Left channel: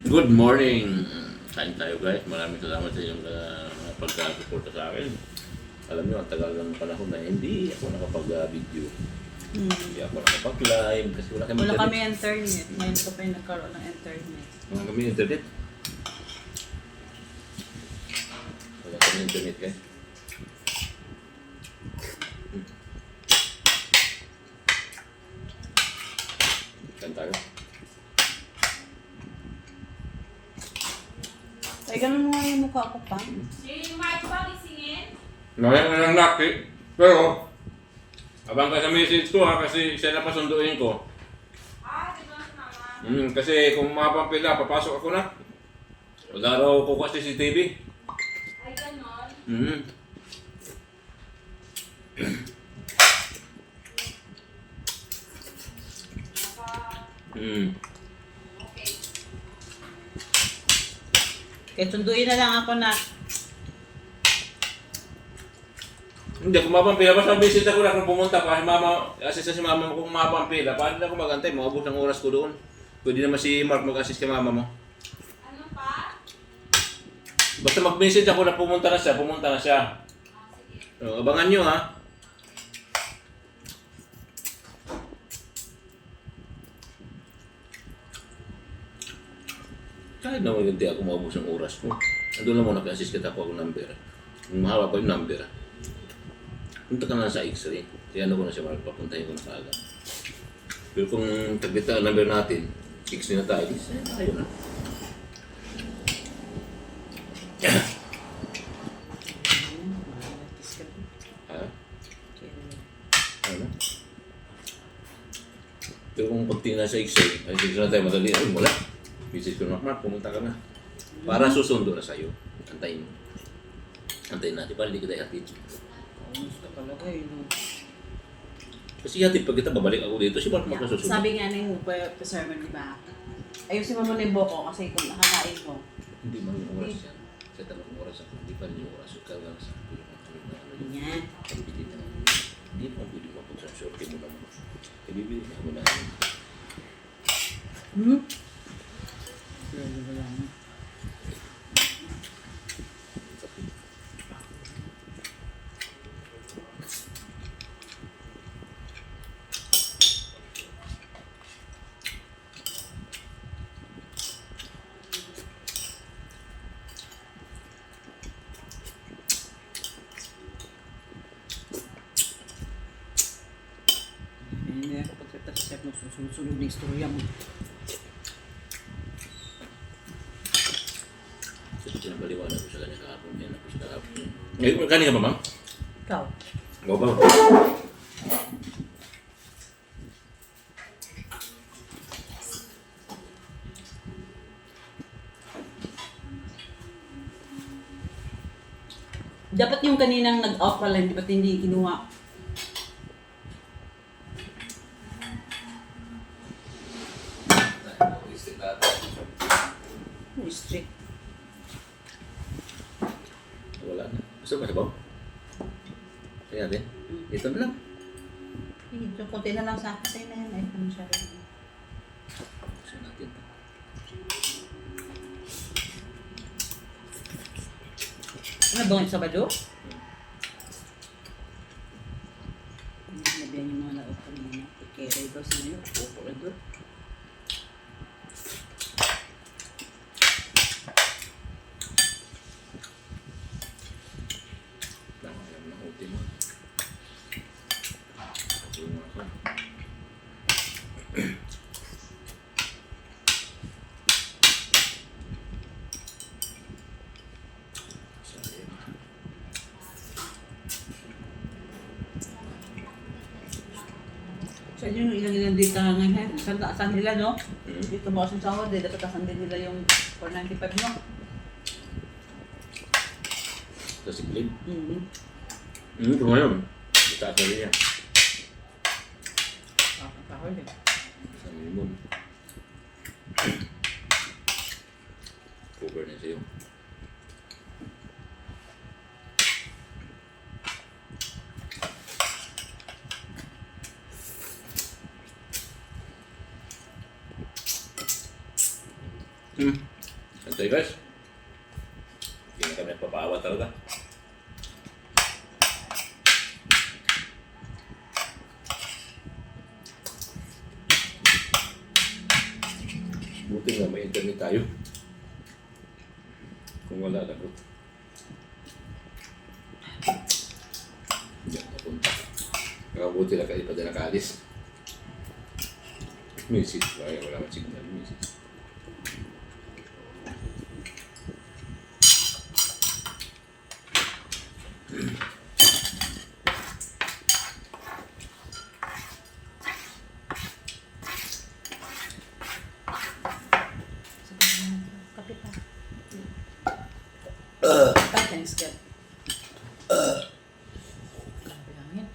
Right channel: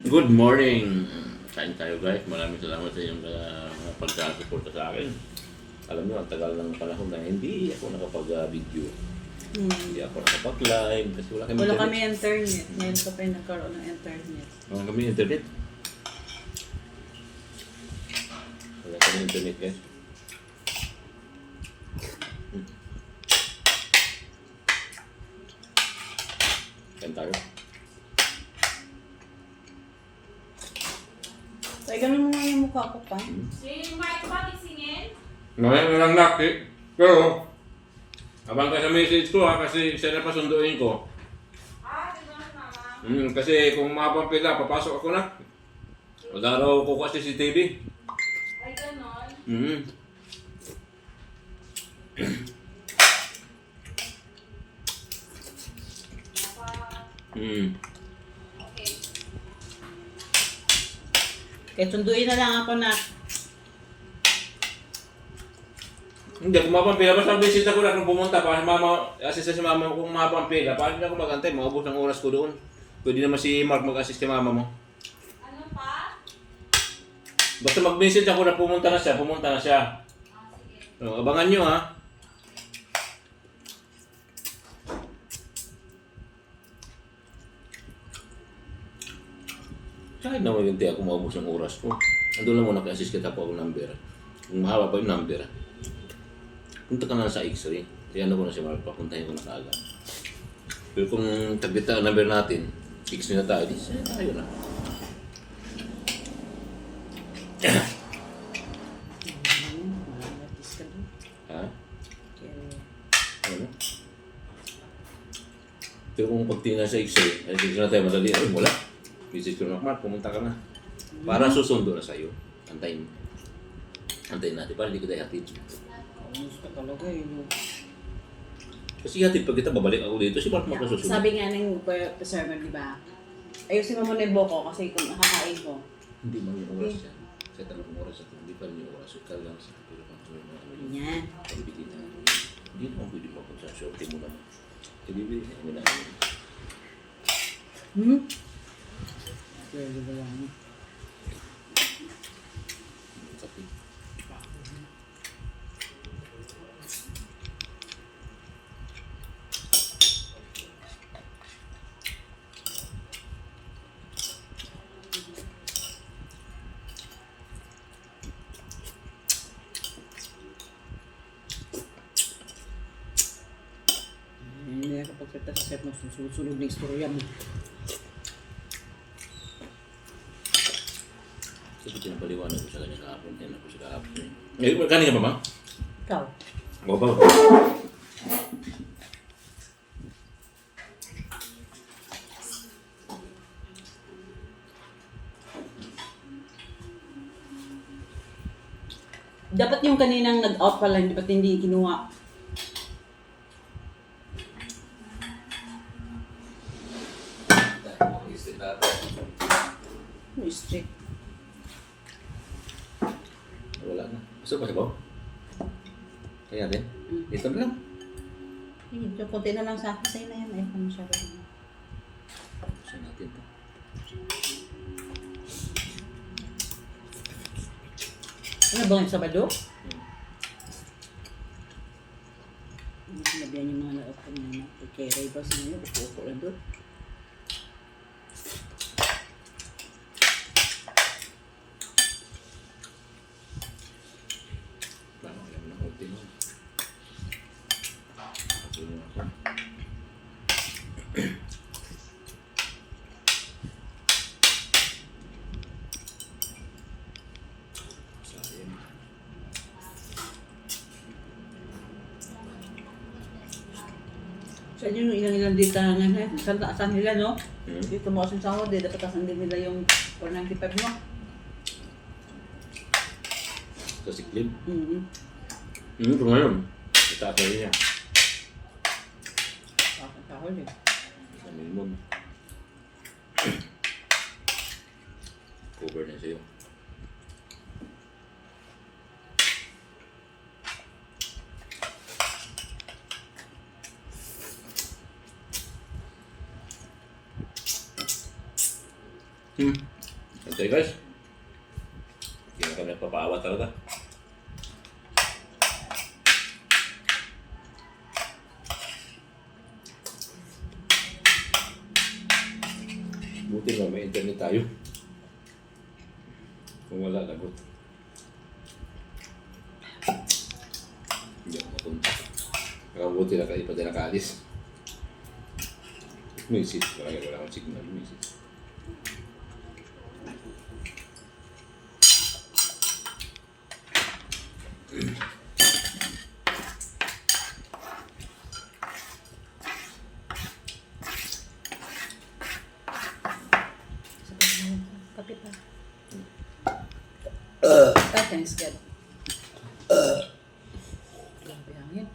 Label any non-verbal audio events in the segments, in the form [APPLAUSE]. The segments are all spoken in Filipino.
Good morning! Kain tayo guys. Maraming salamat sa inyong uh, pagkasuporta sa akin. Alam niyo, ang tagal ng panahon na hindi ako nakapag-video. Hmm. Hindi ako nakapag-live kasi wala kami Wala internet. kami internet. Ngayon pa yung nagkaroon ng internet. Wala kami internet. Wala kami internet guys. Hmm. Kain tayo. Ay, ganun mo nga yung mukha ko pa. Yung Mark ba gisingin? Ngayon na lang laki. Pero, abang ka sa message ko ha, kasi siya na pasunduin ko. Ah, di ba si mama? Hmm, kasi kung mapampila, papasok ako na. Wala raw ko kasi CCTV. Ay, ganon. Hmm. Hmm. Kaya sunduin na lang ako na. Hindi, kung mapampila, basta visit ako na kung pumunta pa, si mama, assist si mama mo kung mapampila, paano na ako magantay, maubos ng oras ko doon. Pwede naman si Mark mag-assist kay mama mo. Ano pa? Basta mag-message ako na pumunta na siya, pumunta na siya. Ah, sige. Abangan nyo ha. Kahit naman yung ako maubos ng oras ko. Ando lang muna kasi kita po ako number. Mahaba pa yung number. Punta ka na sa x-ray. Kaya ano ko na si Mark, papuntahin ko na kaagad. Pero kung tagdita ang number natin, x-ray na tayo, di sa'yo tayo na. [COUGHS] Doon. Ano? Pero kung konti na sa x-ray, ay sige na tayo madali. Ay, wala. Visit ko na, Mark, pumunta ka na. Para susundo na sa'yo. Antayin mo. Antayin natin para hindi kita ihatid. Ka talaga eh. no? Kasi hatid pag kita babalik ako dito, si Mark magkasusunod. Sabi nga na yung sermon, di ba? Ayusin mo muna yung buko kasi kung nakakain ko. Hindi man yung oras yan. Sa talagang oras ako, hindi pa rin yung oras. Talagang sa pero kung ano na yung Yan. pagbili na. Hindi naman pwede mapunta sa shorty mo naman. Kaya bibili na kami na Hmm? Grabe ba lang? Mo, susunod-sunod na istorya mo. Kasi pinabaliwanan kahapon. Yan ako sa kahapon. Eh, kanin ka ba, ma'am? Ikaw? O ba? Dapat yung kaninang nag-out pala, dapat hindi kinuha. Strict. Wala na. Gusto mo sabaw? Kaya din. Ito na lang. Ito, konti na lang sa akin sa'yo na yan. Ay, ano siya rin. Gusto natin to. Ano ba yung Sabado? Ano sinabihan yung mga ko muna? Kaya daw sa ngayon, upo na doon. Tama alam ng ultimo. Ako na ako. Sayang. Sa inyo yung ilan nilang dito na ngayon, saan taasan nila, no? Hmm? Dito mo kasing sahod, eh, dapat taasan din nila yung 495 mo. Sa siglib. Mm-hmm. Hmm, pero ngayon. Itaas na niya. Sahod eh. Sa minimum. Cover na sa'yo. Hmm. Ito guys. Hindi na kami nagpapaawa talaga. Buti nga may internet tayo. Kung wala, lagot. Hindi ako napunta. Nakabuti na kayo pa dyan nakaalis. Misis. Kaya wala akong signal. Misis. Kapit na. Ah, thanks God. Grabe hangin.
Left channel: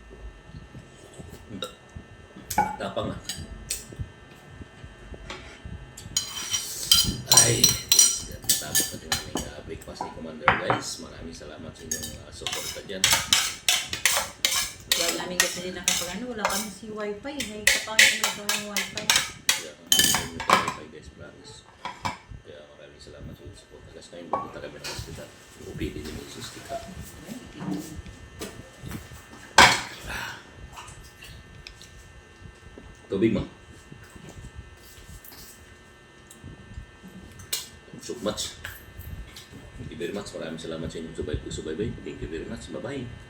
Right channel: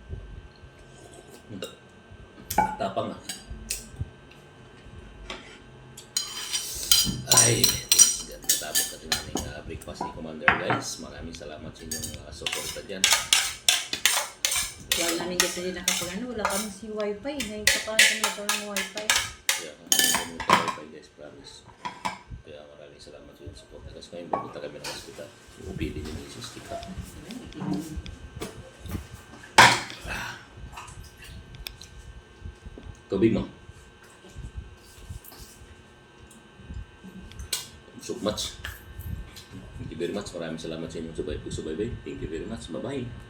Tapang ah. Ay. Natapos natin ang aming uh, breakfast ni Commander guys. Maraming salamat sa inyong uh, suporta dyan. Wala namin kasi din nakapagano. Wala kami si wifi. May kapahit na ito ng wifi. Kaya kami sa wifi guys, promise. Kaya maraming salamat sa inyong suporta guys. Ngayon pupunta kami ng hospital. Upili ni Mrs. Tika. Tubig mo. So much. Thank you very much. Maraming salamat sa inyong subay subaybay. Thank you very much. Bye-bye.